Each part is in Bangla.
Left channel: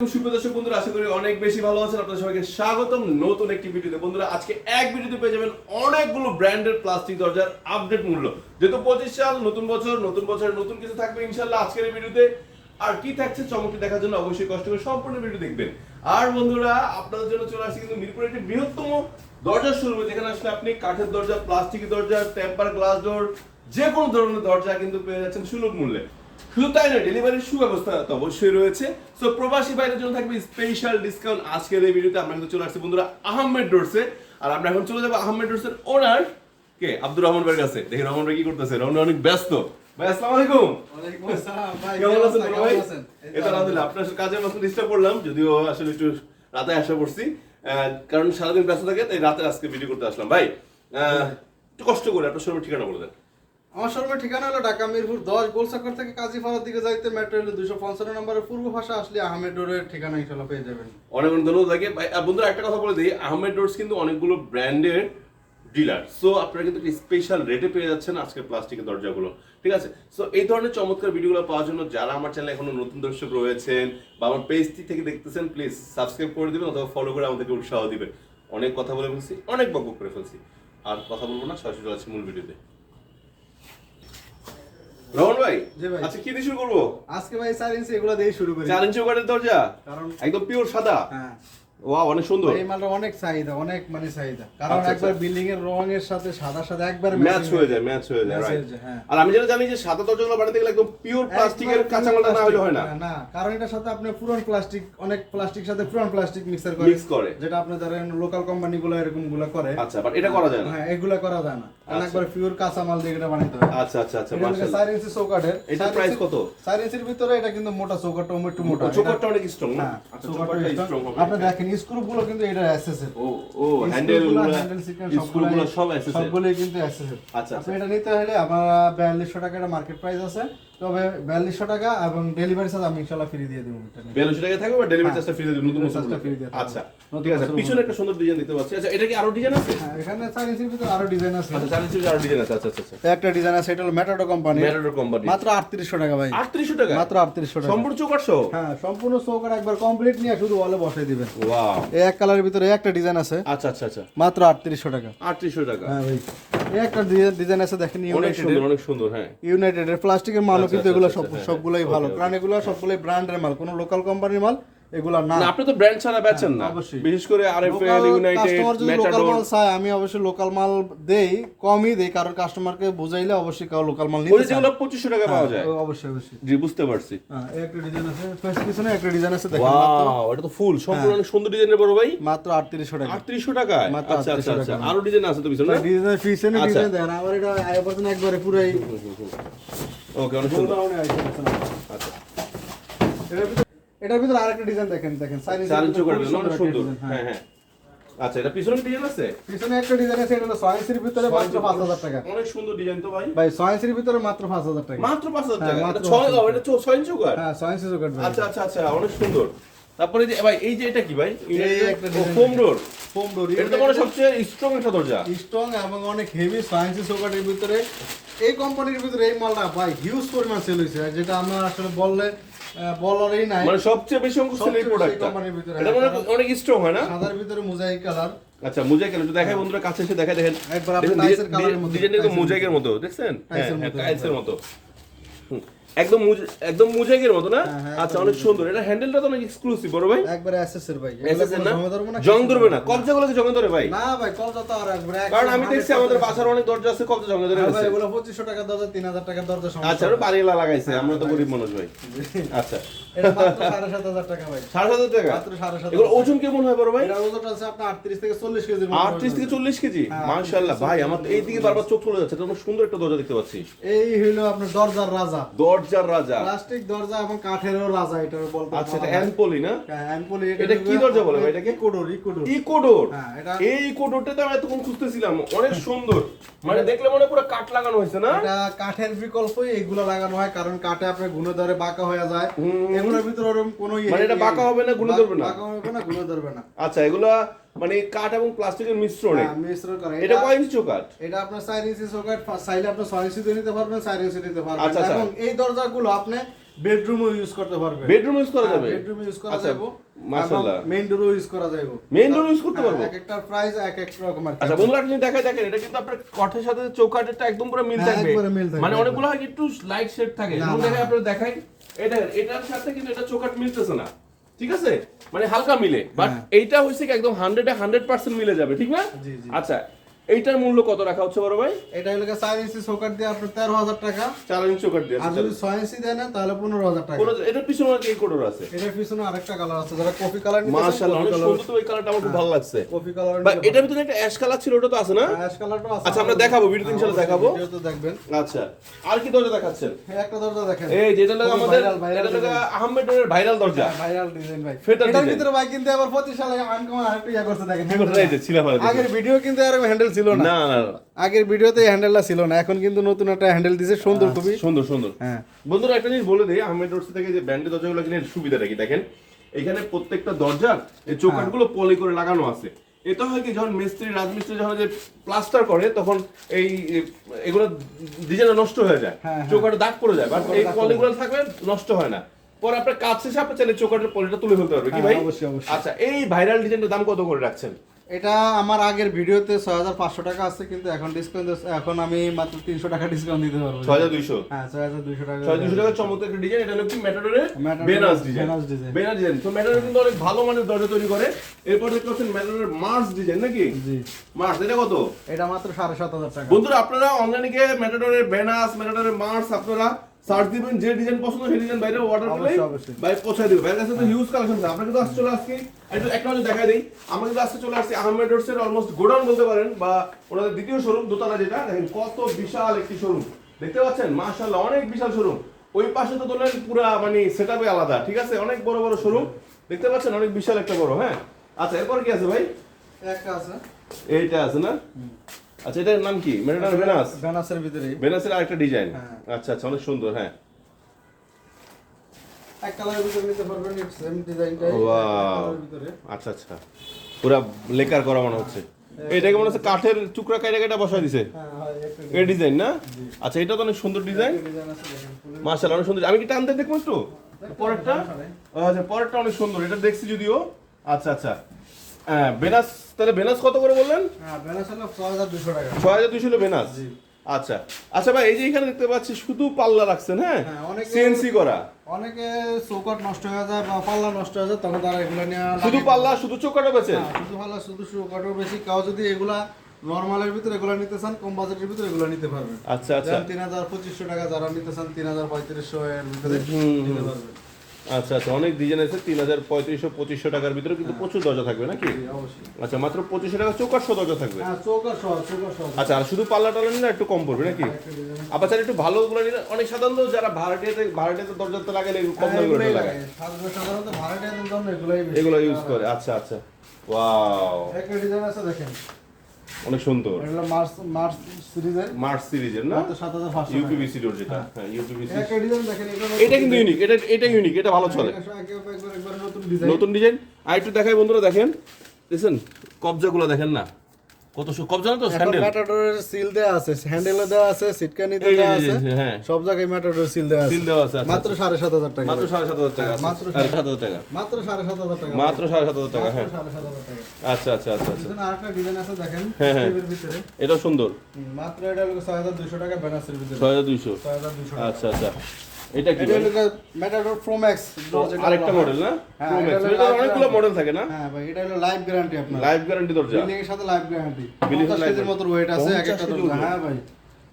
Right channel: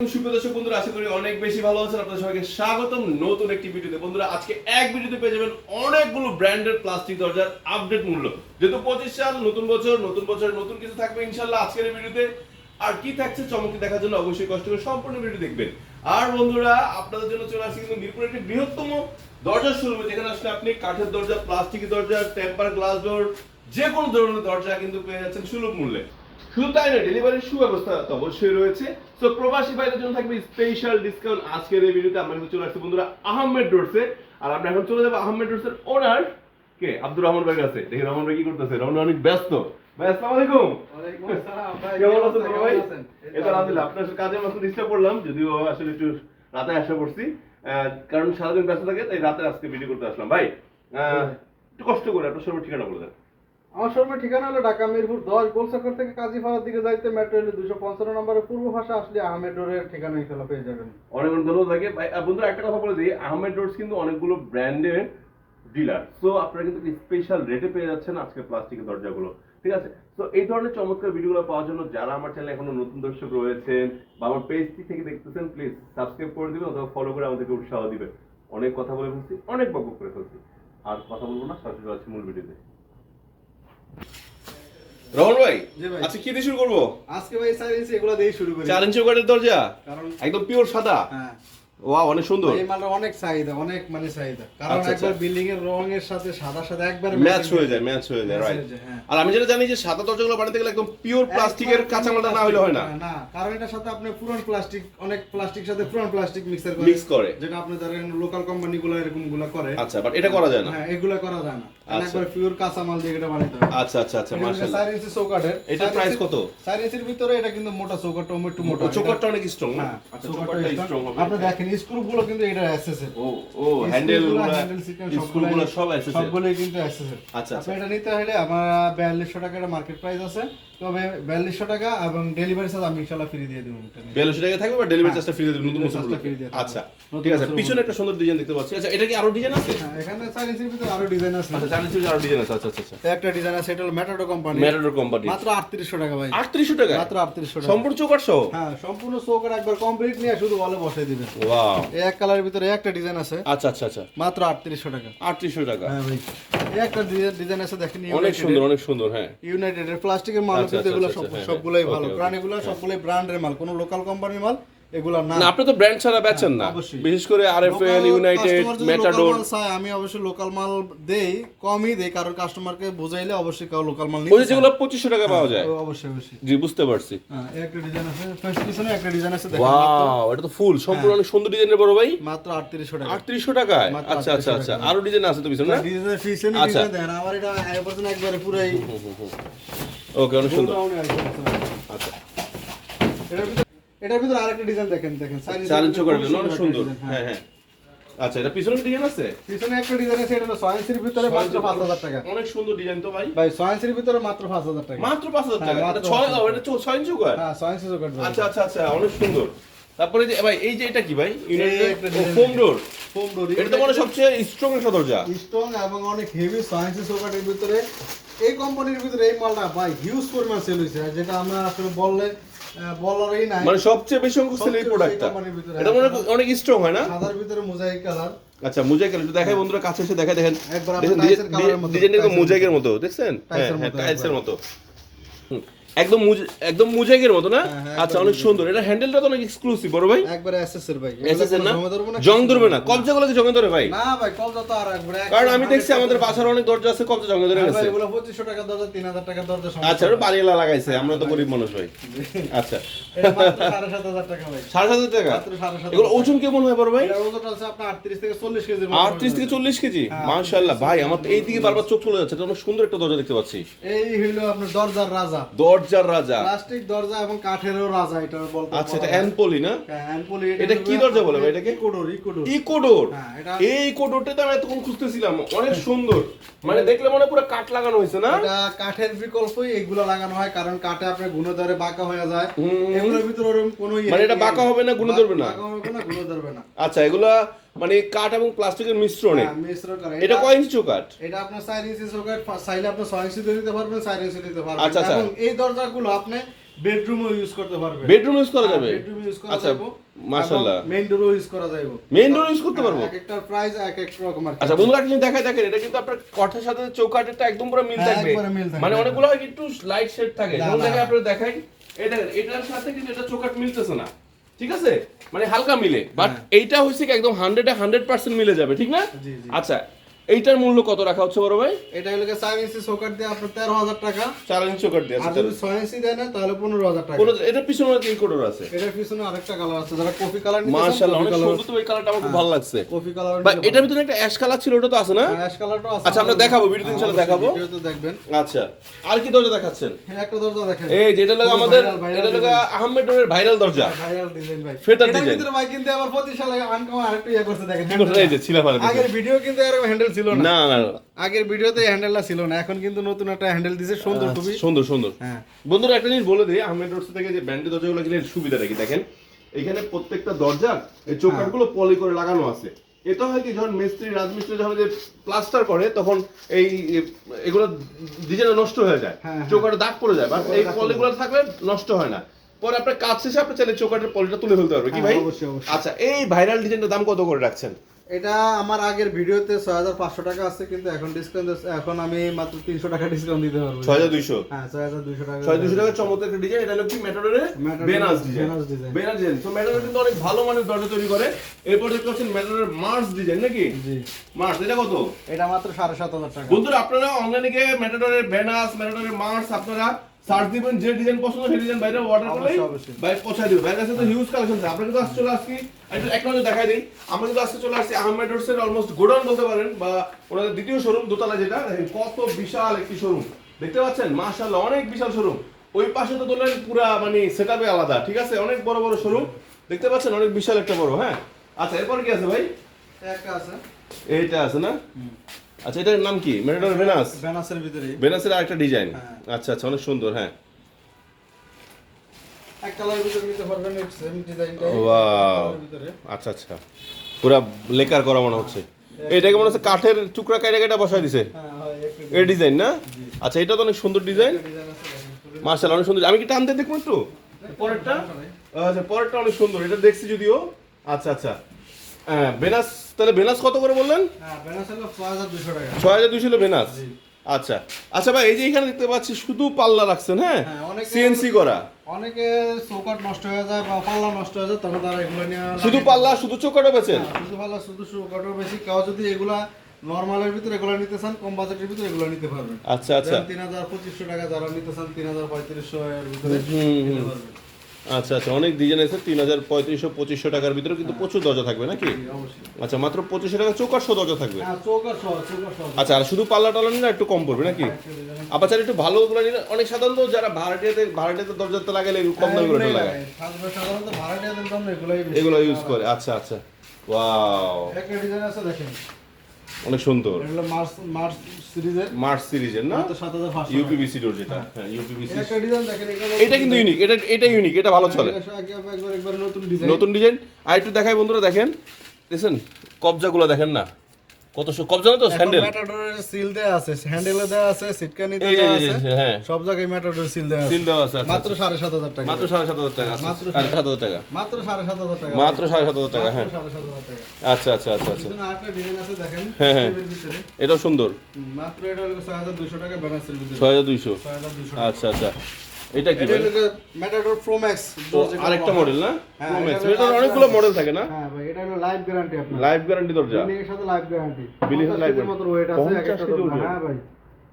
সুপ্রিয় দর্শক বন্ধুরা, আশা করি অনেক বেশি ভালো আছেন। আপনাদের সবাইকে স্বাগতম নতুন একটি ভিডিওতে। বন্ধুরা, আজকে এক ভিডিওতে পেয়ে যাবেন অনেকগুলো ব্র্যান্ডেড প্লাস্টিক দরজার আপডেট মূল্য। যেহেতু 25 সাল, নতুন বছর নতুন কিছু থাকবে ইনশাআল্লাহ আজকের এই ভিডিওতে। আর কি থাকছে চমকটি দেখার জন্য অবশ্যই কষ্ট করে সম্পূর্ণ ভিডিও দেখবেন। আর বন্ধুরা, আপনাদের জন্য চলে আসছে কিন্তু মিরপুরের একটি বৃহত্তম দরজার শোরুম, যেখানে আসলে আপনি কাঠের দরজা, প্লাস্টিকের দরজা, টেম্পার গ্লাস ডোর, যে কোনো ধরনের দরজা কিন্তু পেয়ে যাচ্ছেন সুলভ মূল্যে। শুধু তাই নয়, ডেলিভারির সুব্যবস্থা তো অবশ্যই রয়েছে। সো প্রবাসী ভাইদের জন্য থাকবে স্পেশাল ডিসকাউন্ট আজকের এই ভিডিওতে। আমরা কিন্তু চলে আসছি বন্ধুরা আহমেদ ডোরসে। আর আমরা এখন চলে যাবো আহমেদ ডোরসের ওনার কে আব্দুর রহমান ভাইয়ের কাছে। দেখি রহমান ভাই কি করতেছে। রহমান অনেক ব্যস্ত। ভাই আসসালামু আলাইকুম। ওয়ালাইকুম আসসালাম ভাই, কেমন আছেন ভাই? আছেন? এই তো আলহামদুলিল্লাহ। আপনার সাথে কাজের মাঝে ডিস্টার্ব করলাম, যদিও আসলে একটু রাতে আসা পড়ছি, কারণ সারাদিন ব্যস্ত থাকে, তাই রাতে আজকে ভিডিও করতে আসলাম। ভাই একটু কষ্ট করে আপনার শোরুমের ঠিকানা বলে দেন। আমার শোরুমের ঠিকানা হলো ঢাকা মিরপুর 10 গোলসাকর থেকে কাজীপাড়ার দিকে যাইতে মেট্রো রেল 255 নম্বরের পূর্ব পাশে আসলে আহমেদ ডোরের ঠিকানা ইনশাআল্লাহ পেয়ে যাবেন। অনেক অনেক ধন্যবাদ লাগে ভাই। আর বন্ধুরা, একটা কথা বলে দিই, আহমেদ ডোরস কিন্তু অনেকগুলো ব্র্যান্ডের ডিলার। সো আপনারা কিন্তু স্পেশাল রেটে পেয়ে যাচ্ছেন আজকে প্লাস্টিকের দরজাগুলো, ঠিক আছে? সো এই ধরনের চমৎকার ভিডিওগুলো পাওয়ার জন্য যারা আমার চ্যানেলে এখনো নতুন দর্শক রয়েছেন বা আমার পেজটি থেকে দেখতেছেন, প্লিজ সাবস্ক্রাইব করে দিবেন অথবা ফলো করে আমাদেরকে উৎসাহ দিবেন। অনেক কথা বলে ফেলছি, অনেক বকবক করে ফেলছি, আর কথা বলবো না, সরাসরি চলে আসছি মূল ভিডিওতে। রহমান ভাই, জি ভাই। আচ্ছা কি দিয়ে শুরু করবো? আজকে ভাই 4 ইঞ্চি এগুলো দিয়ে শুরু করি। 4 ইঞ্চি কাঠের দরজা, কারণ একদম পিওর সাদা। হ্যাঁ, ওয়াও, অনেক সুন্দর। এই মালটা অনেক চাহিদা, অনেক মানে চাহিদা। কারণ আচ্ছা, একবার আচ্ছা। বিল্ডিং এর রঙের সাথে সাদার সাথে একবার ম্যাচ হয়ে যায়, ম্যাচ হয়ে যায়, Match রাইট। হয়ে যায়, হ্যাঁ। আর আমি যেটা জানি যে সাদা দরজাগুলো বানাতে গেলে একদম পিওর প্লাস্টিকের কাঁচামালটা না হলে হয় না। না, কারণ এটার সাথে আপনি পুরান প্লাস্টিক, অনেক প্লাস্টিক সাথে পুরান প্লাস্টিক মিক্সার Mix করে। যেটা আপনি ধরেন লোকাল কোম্পানিগুলো এরকম গুলা করে। আচ্ছা, বাট এটা করা যায় না। হ্যাঁ, এগুলা করা যায় না। কারণ আচ্ছা। একবার পিওর কাঁচামাল দিয়ে এটা বানাতে হবে। আচ্ছা আচ্ছা আচ্ছা, এটা হচ্ছে মাশাআল্লাহ। 4 ইঞ্চি চৌকাঠের। এটার প্রাইস কত? 4 ইঞ্চির ভিতরে এটা কিন্তু মোটা চৌকাঠটা একটু মোটা। চৌকাঠটা অনেক স্ট্রং না? হ্যাঁ, আচ্ছা, চৌকাঠটা চৌকাঠটা strong। strong হবে। আপনি দেখেন স্ক্রু গুলো কিন্তু এটা অ্যাক্সেস এর। ও হ্যান্ডেল সিস্টেম স্ক্রুগুলো সব আছে। সবগুলোই কিন্তু অ্যাক্সেস এর। আচ্ছা, আপনি এটা নিতে হলে আমার 4200 টাকা এটা মার্কেট প্রাইস আছে। তবে 4200 টাকা এবং ডেলিভারি চার্জ আমি ইনশাআল্লাহ ফ্রি দিয়ে দেব। 4200 টাকা থাকবে, বা ডেলিভারি চার্জটা ফ্রি দিয়ে দেবেন নতুন Delivery বছর charge টা free দিয়ে উপলক্ষে। দেব। আচ্ছা, নতুন ঠিক আছে। বছর পিছনে একটা সুন্দর ডিজাইন দেখতে পাচ্ছি। আচ্ছা, এটা কি আরো ডিজাইন আছে? হ্যাঁ, এখানে 4 ইঞ্চির ভিতরে আরো ডিজাইন আছে। আচ্ছা, 4 ইঞ্চির আরো ডিজাইন আছে। আচ্ছা আচ্ছা আচ্ছা। একটা ডিজাইন আছে, এটা হলো ম্যাটাডো কোম্পানি। Matador company. মাত্র 3800 টাকা ভাই। 3800 টাকা? মাত্র 3800 টাকা। সম্পূর্ণ চৌকাঠ সহ? হ্যাঁ, সম্পূর্ণ চৌকাঠ একবার কমপ্লিট নিয়ে শুধু ওয়ালে বসাই দিবেন। ওয়াও। এই এক কালারের ভিতরে একটা ডিজাইন আছে, আচ্ছা আচ্ছা আচ্ছা, মাত্র 3800 টাকা। 3800 টাকা। হ্যাঁ ভাই, এই একটা ডিজাইন আছে দেখেন, অনেক সুন্দর, অনেক সুন্দর। হ্যাঁ, ইউনাইটেড এর প্লাস্টিকের মাল, আচ্ছা, কিন্তু আচ্ছা, এগুলো আচ্ছা, হ্যাঁ, সবগুলোই হ্যাঁ, ভালো। okay, কারণ এগুলো সবগুলোই ব্র্যান্ডের মাল, কোনো লোকাল কোম্পানির মাল এগুলো না। না, আপনি তো ব্র্যান্ড ছাড়া বেচেন না, অবশ্যই। বিশেষ করে আরএফএল, ইউনাইটেড, মেটাডোর। আমি অবশ্যই লোকাল মাল দেই, কমই দেই, কারণ কাস্টমারকে বুঝাইলে অবশ্যই কেউ লোকাল মাল ওই নিতে চায়। যেগুলো 2500 টাকা পাওয়া যায়। অবশ্যই অবশ্যই। জি, বুঝতে পারছি। হ্যাঁ, এই একটা ডিজাইন আছে, ফার্স্ট পিছনে একটা ডিজাইন আছে দেখেন, ওয়াও, এটা তো ফুল সম্পূর্ণ অনেক সুন্দর ডিজাইনের বড় ভাই। মাত্র 3800 টাকা। 3800 টাকায়? মাত্র আচ্ছা আচ্ছা 3800 আচ্ছা, টাকা। আরো ডিজাইন আছে তো পিছনে না? ডিজাইন পিছনে আচ্ছা। ডিজাইন দেন, আমার এটা আয় পারছেন একবারে পুরাই ওকে, অনেক সুন্দর। গোডাউনে আইটেম আছে। আচ্ছা, এটার ভিতরে আরেকটা ডিজাইন দেখেন, 4 ইঞ্চি করে দিলেন, অনেক সুন্দর। হ্যাঁ হ্যাঁ, আচ্ছা, এটা পিছনে ডিজাইন আছে? পিছনে একটা ডিজাইন আছে, এটা হলো 6 ইঞ্চির ভিতরে মাত্র 5000 টাকা। অনেক সুন্দর ডিজাইন তো ভাই। ভাই 6 ইঞ্চির ভিতরে মাত্র 5000 টাকা। মাত্র 5000 টাকা? হ্যাঁ, এটা মাত্র 6, 5000 এটা 6 ইঞ্চি করে? হ্যাঁ, 6 ইঞ্চি জোগাড় ভাই। আচ্ছা আচ্ছা আচ্ছা, অনেক সুন্দর। তারপরে যে ভাই, এই যে এটা কি ভাই? একটা design ফোম ডোর। ফোম ডোর, এটা তো মানে সবচেয়ে স্ট্রং একটা দরজা। স্ট্রং এবং অনেক হেভি 6 ইঞ্চি জোগাড়ের ভিতরে। এই কোম্পানির ভিতরে এই মালটা ভাই হিউজ পরিমাণ সেল হইছে, যেটা আমরা আসলে বললে বলারই নাই। মানে সবচেয়ে বেশি অংশ সেল এই প্রোডাক্টটা। কোম্পানির ভিতরে এটা মানে অনেক স্ট্রং হয় না? সাদার ভিতরে মোজাইক কালার। আচ্ছা, মোজাইক একটু দেখাই বন্ধুরা, কাছে এসে দেখাই, দেখেন একবার আপনি দেখেন টাইলসের কালারের মতো, ডিজাইনটা একদম টাইলসের মোজাইকের মতো, দেখছেন? হ্যাঁ টাইলসের হ্যাঁ, মতো টাইলসের মতো। একদম মোজাইকের মতো না? হ্যাঁ, হ্যাঁ, আচ্ছা, একদম অনেক সুন্দর। এটা হ্যান্ডেলটা তো অনেক এক্সক্লুসিভ বড় ভাই। একবারে এসএসএর ভাই। এসএসএর না? জং ধরবে না, জং ধরবে না? কবজাগুলো কি জং ধরে ভাই? না ভাই, কলজা তো আর একবারে কারণ আমি দেখছি আমাদের বাসার অনেক দরজা আছে কবজা জং ধরে ভাই আছে। এগুলো 2500 টাকা দরজা, 3000 টাকা দরজা সমস্যা। আচ্ছা, ওটা বাড়িওয়ালা লাগাইছে, আমরা তো গরিব মানুষ ভাই। আচ্ছা, এটা মাত্র 7500 টাকা ভাই। 7500 টাকা? মাত্র 7500 এগুলো ওজন কেমন হয় বড় ভাই? এটা ওজন আছে আপনার 38 থেকে 40 কেজির মতো। 38 থেকে 40 কেজি? হ্যাঁ, মাশাআল্লাহ ভাই, আমার তো এই দিকে বারবার চোখ চলে যাচ্ছে। এটা সুন্দর একটা দরজা দেখতে পাচ্ছি। এই হলো আপনার দরজার রাজা, দরজার রাজা। প্লাস্টিক দরজা এবং কাঠেরও রাজা এটা বলতে। আচ্ছা, এটা অ্যানপলি না? হ্যাঁ, অ্যানপলি। এটা কি দরজা বলে ভাই এটাকে? ইকোডোর। ইকোডোর। হ্যাঁ, এটা এই ইকোডোরটা তো আমি এতক্ষণ খুঁজতেছিলাম, অনেক সুন্দর। মানে দেখলে মনে হয় পুরো কাঠ লাগানো হয়েছে না? এটা কাঠের বিকল্পই এগুলো লাগানো হয়, কারণ কাঠে আপনার গুণে ধরে বাঁকা হয়ে যায়। হুম। এগুলোর ভিতরে ওরকম কোনো মানে এটা বাঁকা হবে না, গুণে ধরবে না? বাঁকা হবে না, গুণে ধরবে না। আচ্ছা, এগুলা মানে কাঠ এবং প্লাস্টিকের মিশ্রণে। হ্যাঁ, মিশ্র করে। এটা কয় ইঞ্চি চৌকাঠ? এটা আপনার 4 ইঞ্চি চৌকাঠ, চাইলে আপনি 6 ইঞ্চি দিয়ে নিতে পারবেন, 4 ইঞ্চি নিতে পারবেন। আচ্ছা, আচ্ছা। এবং এই দরজাগুলো আপনি বেডরুমও ইউজ করতে পারবে। বেডরুম ইউজ করা যাবে? বেডরুম ইউজ করা আচ্ছা, যাবে, মাশাআল্লাহ। মেইন ডোরও ইউজ করা যাবে। মেইন ডোর ইউজ করতে পারবো? এক একটার প্রাইস এক এক রকম আর কি। আচ্ছা বন্ধুরা, একটা জিনিস দেখাই দেখেন, এটা কিন্তু আপনার কঠের সাথে চৌকাঠেরটা একদম পুরো মিল হ্যাঁ, থাকবে। একবারে মিল থাকবে। মানে অনেকগুলো হয় কি একটু লাইট শেড থাকে, না, যেমন না। দেখেন আপনারা দেখাই, এই দেখেন এটার সাথে কিন্তু এটা চৌকাঠ মিলতেছে না, ঠিক আছে, মানে হালকা মিলে, বাট হ্যাঁ। এইটা হইছে কি একদম 100% মিলে যাবে, ঠিক না? জি, জি। আচ্ছা, এইটার মূল্য কত রাখা হচ্ছে বড় ভাই? এটা হলো 4 ইঞ্চি চৌকাঠ দিয়ে আপনার 13,000 টাকা। 4 ইঞ্চি চৌকাঠ দিয়ে আর আছে। যদি 6 ইঞ্চি দেন তাহলে 15,000 টাকা। এটার পিছনে কি কোডর আছে? এটার পিছনে আরেকটা কালার আছে, যারা কফি কালার নিতে চান, মাশাআল্লাহ, কফি অনেক কালার- সুন্দর তো, এই কালারটা আমার খুব ভালো লাগছে। কফি কালার ভাই নিতে এটার ভিতরে একটা অ্যাশ কালার ছিল, ওটা তো আছে না? পারেন। অ্যাশ কালারটাও আছে। আচ্ছা, আমরা দেখাবো, ভিডিওতে ইনশাআল্লাহ দেখাবো। ভিডিওতে দেখবেন। আচ্ছা, আর কি দরজা দেখাচ্ছেন? হ্যাঁ, একটা দরজা দেখেন। এই যেটা লাগা খুবই আমাদের, viral এটা লাগা design। আহমেদ ডোরের ভাইরাল দরজা। ভাইরাল ডিজাইন ভাই। ফেটার এটার design। ভিতরে ভাই কিন্তু আবার 25 সালে আনকমন আরেকটু ইয়া করতে দেখেন। কি করতে এই যে ছিলা ফেলা আগের ভিডিও কিন্তু এরকম হ্যান্ডেল ছিল না। না না, আগের ভিডিওতে হ্যান্ডেলটা ছিল না, এখন কিন্তু নতুন একটা হ্যান্ডেল দিয়েছে, সুন্দর খুবই। সুন্দর সুন্দর। হ্যাঁ। বন্ধুরা একটা জিনিস বলে দিই, আহমেদ রোডস থেকে যে ব্র্যান্ডের দরজাগুলো কিনে সুবিধাটা কি দেখেন, এখানে প্রত্যেকটা দরজার এই চৌকাঠগুলো পলি করে লাগানো আছে। এটা হয় কি, যখন মিস্ত্রি রাজমিস্ত্রি যখন যে প্লাস্টার করে তখন এই এগুলো ডিজাইন নষ্ট হয়ে যায়, হ্যাঁ, হ্যাঁ। চৌকাঠে দাগ পড়ে যায়, বাট এই পলিগুলো থাকলে নষ্ট হয় না। পরে আপনার কাজ শেষে আপনি চাইলে চৌকাঠের পলিটা তুলে ফেলতে পারবে, কি ভাই? হ্যাঁ, অবশ্যই, অবশ্যই। আচ্ছা, এই ভাইরাল ডিজাইনটার দাম কত করে রাখছেন? এটা আমার আগের ভিডিওতে 6,500 টাকা আছে, কিন্তু এখন ডিসকাউন্ট, এখন আমি মাত্র 300 টাকা ডিসকাউন্ট দিতে পারবো। 6,200। হ্যাঁ, 6,200 টাকা। 6,200 টাকা চমৎকার একটা ডিজাইন। এটা হলো কি ম্যাটাডোরের ম্যাটাডোরের বেনাস ডিজাইন। বেনাস ডিজাইন। বেনাস ডিজাইন। তো ম্যাটাডোর কিন্তু অনেক ভালো মানের দরজা তৈরি করে। এরপর দেখতে পাচ্ছেন ম্যাটাডোরের মার্স ডিজাইন, নাকি? জি। মার্স, এটা কত? এটা মাত্র 7,500 টাকা। বন্ধুরা, আপনারা অনলাইনে গিয়ে ম্যাটাডোরের বেনাস, ম্যাটাডোরের মার্স আপনারা সার্চ দিবেন, যে ডিজাইন পছন্দ সেই ডিজাইন বাইরে অর্ডার করলেই অবশ্যই, অবশ্যই। ভাই পৌঁছায় দিবে। ভাইয়ের কাছে তো হিউজ কালেকশন আছে। আমরা কিন্তু আজকে চলে আসছি, একটা নজর দেখাই দেই, আমরা কিন্তু আজকে চলে আসছি আহমেদ রোডসের অলমোস্ট গোডাউন বলতে পারেন, বা ওনাদের দ্বিতীয় শোরুম, দোতলা যেটা, দেখেন কত বিশাল একটি শোরুম, দেখতে পাচ্ছেন? মাশাআল্লাহ, অনেক বিশাল শোরুম। ওই পাশে তো ধরলেন পুরা মানে সেটআপে আলাদা, ঠিক আছে, অনেক বড় বড় শোরুম দেখতে পাচ্ছেন, অনেক বিশাল একটা বড়। হ্যাঁ, আচ্ছা, এরপর কি আছে ভাই? একটা আছে। এইটা আছে না? আচ্ছা, এটার নাম কি? ম্যাটাডোরের বেনাস। বেনাসের ভিতরে বেনাসের আরেকটা ডিজাইন। হ্যাঁ। আচ্ছা আচ্ছা, অনেক সুন্দর। হ্যাঁ, এক কালারের ভিতরে নিতে পারবেন, সেম ডিজাইনটাই ওয়াও, ভিতরে। আচ্ছা আচ্ছা, পুরা লেকার করা মনে হচ্ছে। এটাকে মনে হচ্ছে কাঠের টুকরা কাটা কাটা বসায় দিছে, হ্যাঁ, হয় একটা এই ডিজাইন না? আচ্ছা, এটা তো অনেক সুন্দর ডিজাইন, ডিজাইন আছে দেখেন, খুবই- মার্শাল অনেক সুন্দর। আমি কি টানতে দেখবো একটু পরেরটা? আচ্ছা, পরেরটা অনেক সুন্দর, এটা দেখছি যদিও। আচ্ছা আচ্ছা, হ্যাঁ, বেনাস, তাহলে বেনাস কত করে বললেন? হ্যাঁ, বেনাস হলো 6,200 টাকা। 6,200 ছিল বেনাস। জি। আচ্ছা আচ্ছা ভাই, এই যে এখানে দেখতে পাচ্ছি শুধু পাল্লা রাখছেন, হ্যাঁ, হ্যাঁ, অনেকে- সিএনসি করা, অনেকে চৌকাঠ নষ্ট হয়ে যায় বা পাল্লা নষ্ট হয়ে যায়, তখন তারা এগুলো নিয়ে শুধু পাল্লা শুধু চৌকাঠও বেচেন? হ্যাঁ, শুধু পাল্লা শুধু চৌকাঠও বেশি। কেউ যদি এগুলা নর্মালের ভিতরে এগুলো নিতে চান, কম বাজেটের ভিতরে এগুলো নিতে পারবেন। আচ্ছা আচ্ছা 3,250 টাকা, যারা নিতে চান 3,3500 এর ভিতরে হুম, নিতে পারবেন। আচ্ছা আচ্ছা, অনেক ডিজাইন আছে। 3,3500-2,500 টাকার ভিতরে কিন্তু প্রচুর দরজা থাকবে নাকি? জি, অবশ্যই। আচ্ছা, মাত্র 2,500 টাকা চৌকাঠ সহ দরজা থাকবে। হ্যাঁ, চৌকাঠ সহ, চৌকাঠ সহ। আচ্ছা, আর শুধু পাল্লা টাল্লা নিলে একটু কম পড়বে নাকি? একটা ডিজাইন আছে। আবার চাইলে একটু ভালো গুলো নিলে, অনেক সাধারণত যারা ভাড়াটিয়াতে দরজাতে লাগালে কম হ্যাঁ, দামে করে এগুলোই লাগায়, লাগায়। সাধারণত ভাড়াটিয়াদের দাম এগুলোই বেশি। এগুলো ইউজ করে। আচ্ছা আচ্ছা, ওয়াও, একটা ডিজাইন আছে দেখেন, অনেক সুন্দর। এগুলো মার্স সিরিজের, মার্চ সিরিজের না? মাত্র 7,500 টাকা। ইউপিভিসি ডোর যেটা, হ্যাঁ, ইউপিভিসি। একটা ডিজাইন দেখেন, এগুলো এটা কিন্তু ইউনিক, এটা ইউনিক, এটা ভালো চলে, একবার নতুন ডিজাইন। নতুন ডিজাইন। আর একটু দেখাই বন্ধুরা, দেখেন, দেখছেন কবজাগুলো দেখেন না, কত কবজা না তো, স্যান্ডেল। ম্যাটাডোরের সিল দেওয়া আছে, হ্যান্ডেলও দেওয়া আছে, সিটকানি এই যে দেওয়া আছে, হ্যাঁ, সব জায়গায় ম্যাটাডোরের সিল দেওয়া আছে। সিল দেওয়া আছে। আচ্ছা, মাত্র 7,500 টাকা। মাত্র 7,500 টাকা। মাত্র 7,500 টাকা, মাত্র 7,500 টাকা। মাত্র 7,500 টাকা। হ্যাঁ, 7,500 টাকা। আচ্ছা আচ্ছা আচ্ছা আচ্ছা, এখানে আরেকটা ডিজাইন আছে দেখেন, হ্যাঁ, হ্যাঁ। এর ভিতরে। এটাও সুন্দর। মাত্র এটা হলো 6,200 টাকা বেনাসের ভিতরে। 6,200। 6,200 টাকা। আচ্ছা আচ্ছা, এটা কি এটা ভাই? হলো ম্যাটাডোর প্রো ম্যাক্স। আরেকটা মডেল না? হ্যাঁ, Pro এটা Max। হলো এটার live অনেকগুলো guarantee। মডেল থাকে না? হ্যাঁ ভাই, এটা হলো লাইফ গ্যারান্টি আপনার। লাইফ গ্যারান্টি দরজা। বিল্ডিং এর সাথে লাইফ গ্যারান্টি। Building এর 50 life কেজির মতো ওয়েট আছে 50 এক একটা কেজির দরজা। উপরে? হ্যাঁ ভাই,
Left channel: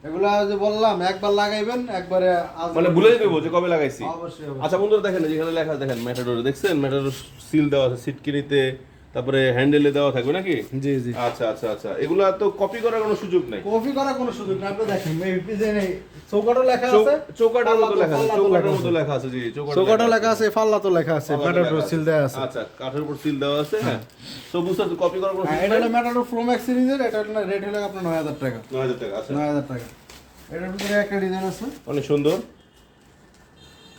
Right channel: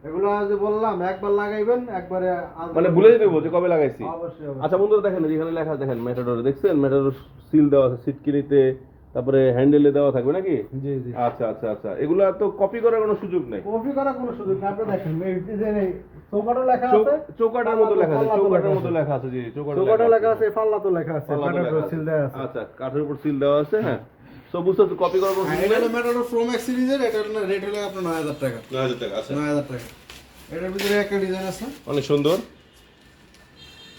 এগুলা যে বললাম একবার লাগাইবেন, একবারে মানে ভুলে দেবো যে কবে লাগাইছি। অবশ্যই অবশ্যই। আচ্ছা বন্ধুরা, দেখেন যেখানে লেখা আছে, দেখেন ম্যাটাডোর, দেখছেন ম্যাটাডোর সিল দেওয়া আছে, সিটকিনিতে, তারপরে হ্যান্ডেলে দেওয়া থাকবে নাকি? জি জি। আচ্ছা আচ্ছা আচ্ছা, এগুলা তো কপি করার কোনো সুযোগ নাই। কপি করার কোনো সুযোগ না। আপনি দেখেন এই ডিজাইনে চৌকাটও লেখা আছে, চৌকাটের মতো লেখা আছে, চৌকাটের মতো লেখা আছে, জি, চৌকাটও লেখা আছে, পাল্লা তো লেখা আছে, ম্যাটাডোর সিল দেওয়া আছে। আচ্ছা, কাঠের উপর সিল দেওয়া আছে, হ্যাঁ, তো বুঝতে কপি করার কোনো হ্যাঁ, সুযোগ এটা নাই। হলো ম্যাটাডোর প্রো ম্যাক্স সিরিজের, এটা হলো রেট হলো আপনার 9,000 টাকা। 9,000 টাকা। আচ্ছা, 9,000 টাকা। এটার ভিতরে একটা ডিজাইন আছে, অনেক সুন্দর,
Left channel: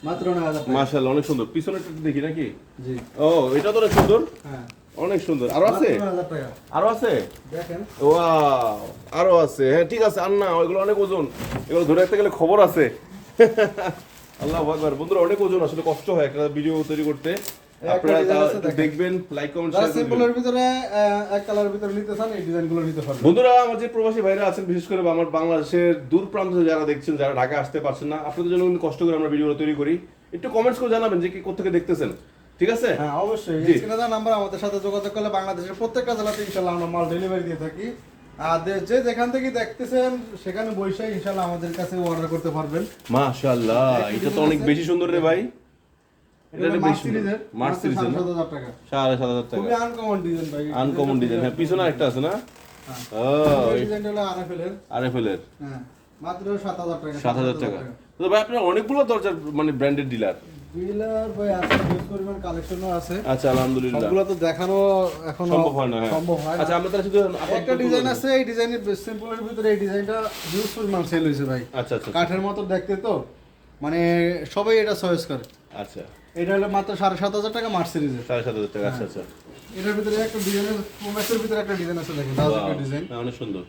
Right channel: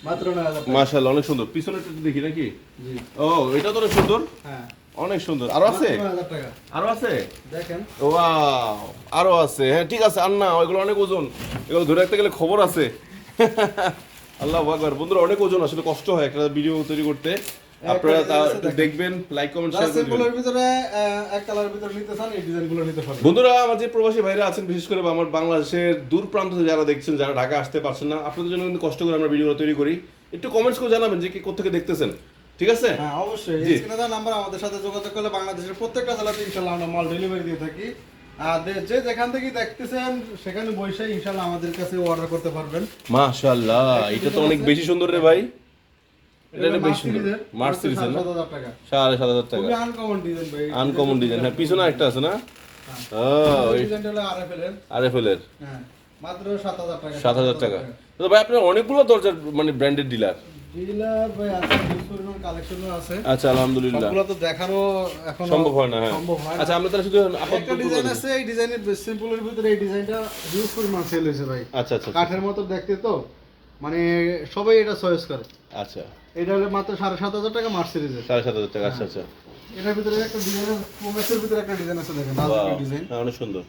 মাত্র 9,000 টাকা। মাশাআল্লাহ, অনেক সুন্দর। পিছনেরটা একটু দেখি নাকি? জি। ও, এটা তো অনেক সুন্দর, হ্যাঁ, অনেক সুন্দর। আরো আছে? মাত্র 9,000 টাকা। আরো আছে? দেখেন, ওয়াও, আরো আছে। হ্যাঁ, ঠিক আছে, আর না, ওইগুলো অনেক ওজন, এগুলো ধরে রাখতে গেলে খবর আছে। আল্লাহু আকবার। বন্ধুরা অনেক ওজন, আসলে কষ্ট হয় একটা ভিডিও তৈরি করতে। আপনারা একটু দেখবেন, লাইক কমেন্ট শেয়ার করবেন। সিম্পলের ভিতরে এক কালারের ভিতরে নিতে চান এই ডিজাইনগুলো নিতে পারবেন। বন্ধুরা আমার যে প্রবাসী ভাইরা আছেন, বিশেষ করে আমার বাংলাদেশের দূর প্রান্ত থেকে যারা দেখছেন, যারা ঢাকা আসতে পারছেন না, আপনাদের জন্য কিন্তু কষ্ট করে আমরা ভিডিও তৈরি করি। একটু কমেন্টস করে জানাবেন যে কি কোথা দেখতেছেন, ঠিক আছে? হ্যাঁ অবশ্যই, জি। স্ক্রিনে দেওয়া নাম্বার আমাদের সাথে যোগাযোগ করলে বাংলাদেশের প্রত্যেকটা জেলাতে ইনশাআল্লাহ আমরা মাল ডেলিভারি দিয়ে থাকি। আর যে যেখান থেকে দেখতেছেন সেখানে বসে ইনশাআল্লাহ আমাদের কাছে অর্ডার করতে পারবেন। মাশাআল্লাহ, এটা তো অনেক বেশি সুন্দর রে ভাই। এটা বেশি সুন্দর, মার্চ সিরিজের না? 7,500 টাকা। 7,500 টাকা। খুবই আনকমন ডিজাইন ভাই। আনকমন ডিজাইন, হ্যাঁ পিছনে একটা আছে না? ও, এই ডিজাইনটা হলো আরএফএল এর। আরএফএল এর হ্যাঁ মাত্র 7,000 টাকা। 7,000 টাকা। তো ভাই আপনার অনেকগুলো দরজার মানে ব্র্যান্ডেড ডিলার। ডিলার ভাই আছে, ইউজ পরিমাণ কালেকশনও আছে। আচ্ছা আলহামদুলিল্লাহ। সবগুলো তো দেখানো এখন সম্ভব হয় না, হ্যাঁ। সম্ভব হয় না। আচ্ছা আমরা তাহলে শুধু একটা ডিজাইন আছে, এই ডিজাইনের সিম্পলের ভিতরে এই ডিজাইনটা ইউজ পরিমাণ সেল হয়েছে ভাই। আচ্ছা আচ্ছা কাঠের মতো দেখতে তো, মানে সবাই এটা চয়েস করে। আচ্ছা, এটা হলো মাত্র 7,500 টাকা মার্চ সিরিজের। 7,500 টাকা। আচ্ছা আচ্ছা, এটার ভিতরে একটা ডিজাইন, প্রোম্যাক্সের ভিতরে একটা ডিজাইন আছে, দেখেন রাজকীয় ডিজাইন, হ্যাঁ অনেক সুন্দর।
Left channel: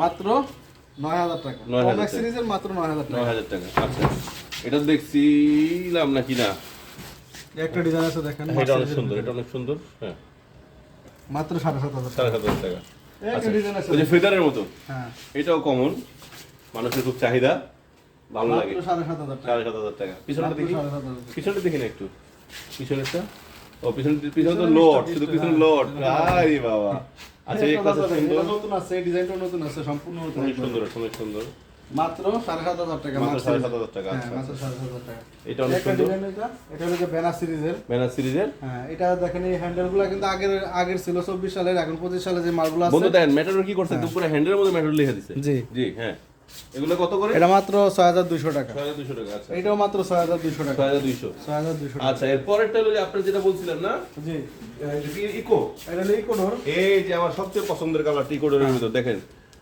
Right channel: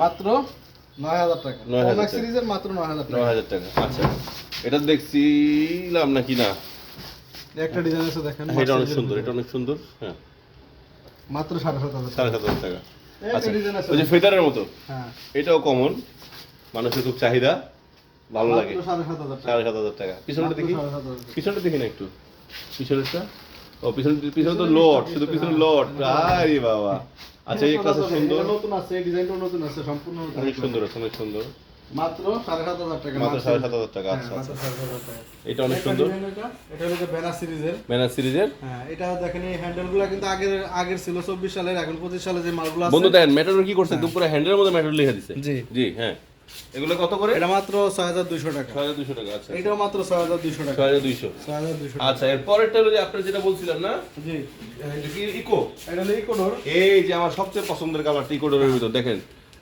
মাত্র 9,000 টাকা। 9,000 প্রোম্যাক্স টাকা। সিরিজের মাত্র 9,000 টাকা। 9,000 টাকা। আচ্ছা, এটা দেখছিলাম নাকি না? একটা ডিজাইন আছে দেখেন, এটা অনেক সুন্দর, এটা অনেক সুন্দর, হ্যাঁ মাত্র 7,500 টাকা। 7,500 টাকা। একটা আচ্ছা, ডিজাইন আছে, ওই যে ফেদারের মতো, হ্যাঁ এটাও কমন, মানুষের খুব চাহিদা, ভালো লাগে। মাত্র 7,500 টাকা। 7,500 টাকা। পিছনটা দেখি, 7,500 টাকা। পিছনটা দেখি না একটু, পিছনেরটা। ও পিছনে তো লোড, শুধু পিছনে লোড। আরে বাবা, আচ্ছা এই কাছে সুন্দর, এটা নতুন আছে, এই ডিজাইনটা নতুন আছে, সম্পূর্ণ নতুন। অনেক সুন্দর, অনেক সুন্দর। মাত্র 7,500 টাকা। মাত্র 7,500 টাকা। হ্যাঁ, আচ্ছা মাত্র আচ্ছা, 7,500 টাকা। এটা অনেক একটা সুন্দর। ডিজাইন এটা হলো যে ব্যানার সিরিজের। ম্যানার সিরিজের। হ্যাঁ, এটা দেখেন এই হ্যান্ডেলগুলো কিন্তু আগের ছিল 24 সালের, এখন 25 সালে যে মালগুলো আছে। বন্ধু দেখেন মেটাডোর কি করছে, একদম পুরো হ্যান্ডেলের মধ্যে মেটাডোর লিখে দিছে। জি। জি হ্যাঁ, এগুলো কত করে? এটা মাত্র 6,200 টাকা। 6,200 টাকা। আচ্ছা, এটাও মাত্র 6,200 টাকা। 6,200। 6,200 টাকা। আচ্ছা, এরপরেরটা হলো যে আপনি যেটা বলছিলেন না, জি, ইকো। এটা হলো ইকোডোর। এই যে আমার সবচেয়ে পছন্দের কালার ইকোডোরের ভিতর, দেখেন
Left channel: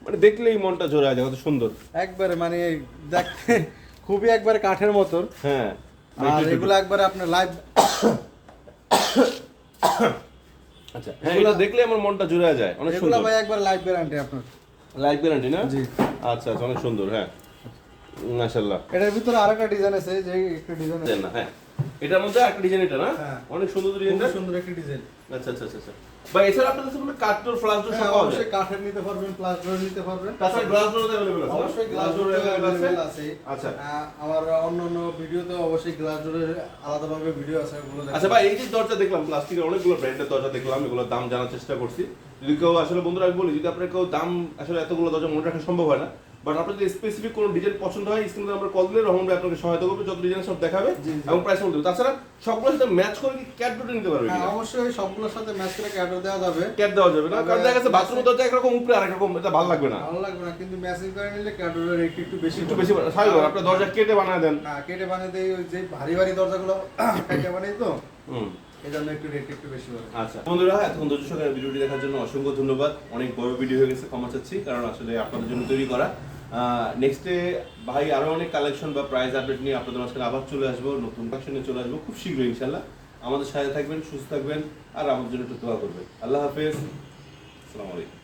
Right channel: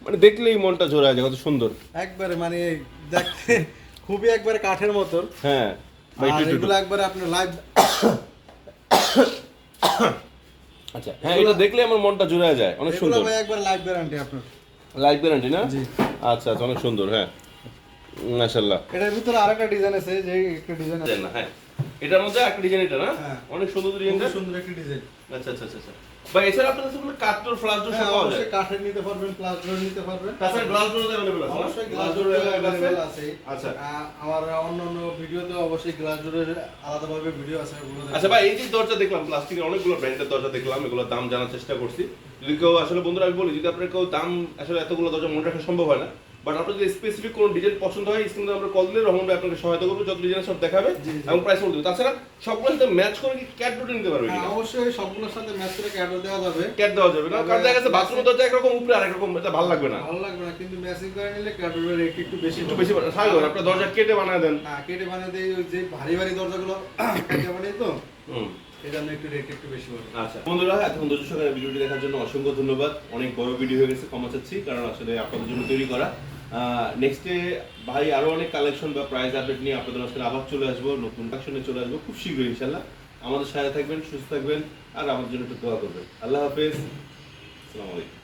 মানে দেখলেই মনটা জোড়া যায়, কত সুন্দর। একবারে মানে দেখতে খুবই একবারে কাঠের মতো। হ্যাঁ ভাই, আর একটু একটু। এগুলো একবারে আপনার লাইভ। আচ্ছা হ্যাঁ, এটা দেখলে আমার মনটা জোড়া যায়, অনেক এগুলো সুন্দর। ভাই একবার লাইভ গ্যারান্টি আপনার। লাইফ গ্যারান্টি না? জি। আচ্ছা আচ্ছা, অনেক সুন্দর, হ্যাঁ মাশাআল্লাহ। এটার ভিতরে আরেকটা ডিজাইন আছে, যে একটা ডিজাইন আছে। হ্যাঁ, এটার মধ্যে একটা ডিজাইন, এটা না? হ্যাঁ। অনেক সুন্দর ডিজাইনটা। খুব সুন্দর একটা ডিজাইন। আচ্ছা আচ্ছা আচ্ছা। ভাই এছাড়া আপনাদের কাছে কাঠের ফ্লাশ ডোর হ্যাঁ, সব পাওয়া যায়? অবশ্যই কাঠের নিতে পারবেন, প্লাস ডোর নিতে পারবেন। তাছাড়া গ্লাস ডোর अवेलेबल আছে? অবশ্যই গ্লাস ডোর अवेलेबल আছে। আচ্ছা। আমার অন্যান্য ভিডিওতে অবশ্যই গ্লাস ডোরের আলাদাভাবে ভিডিও আছে, ওগুলো দেখবেন। আচ্ছা ভাই, এই যে দরজা দেখলাম, প্লাস্টিকের অনেকগুলো ব্র্যান্ডের দরজা দেখলাম, এগুলোর দাম জানার চেষ্টা করছি। যদি কেউ আসলে বন্ধুরা আমি বলি, যদি আপনার কেউ দাম আসলে এতগুলো দরজা মনে রাখা সম্ভব হয় না, বাট আপনার যদি স্পেসিফিক কোনো ডিজাইন পছন্দ হয়, স্ক্রিনে আমরা কল দিলে রহমান ভাই আপনাকে সহায়তা করবে, যত ডিজাইন সব দেখাবে এবং প্রাইস বলে দেবে। তাছাড়া সবগুলোর সাথে ম্যাচ করে কি ক্যাট ডোর নিতে পারবে? হ্যাঁ, অবশ্যই সবগুলোর সাথে ম্যাচ করে ক্যাডও দেওয়া যাবে। ক্যাট দেওয়া যাবে না, কারণ দেখা গেছে বাথরুমের দরজা একরকম, উপরে আরেক রকম, এটা ভালো লাগবে না। ভালো লাগবে না, কিন্তু ম্যাচিং করে নিলে ক্যাডোর রেট একটু বেশি একটু বেশি স্বাভাবিক, আপনার দরজা কেটে বানায় দেন। হ্যাঁ, কেটে বানিয়ে দেয়, ওই যে ভারী ভারী দরজাগুলো কেটে বানাই তো, হুম। এই জন্য একটু রেট একটু বেশি পড়ে। আচ্ছা বন্ধুরা, এতক্ষণ ধৈর্য সহকারে ভিডিওটি দেখার জন্য অসংখ্য ধন্যবাদ। অনেক বড় ভিডিও হয়ে গেছে, ক্ষমা চাচ্ছি, কারণ আসলে আপনাদের জন্য তৈরি করা। নেক্সটে ভাই আরো অনেক কালেকশন বা প্রাইস আপডেট নিয়ে আপনাদের সাথে আবার চলে আসবো, নতুন কালেকশনে চলে আসবো খুব শীঘ্রই ইনশাল্লাহ। আমাদের সাথে থাকবেন, সুস্থ থাকবেন, আর আমাদের জন্য একটু দোয়া করবেন। আল্লাহ হাফেজ, আসসালামু আলাইকুম।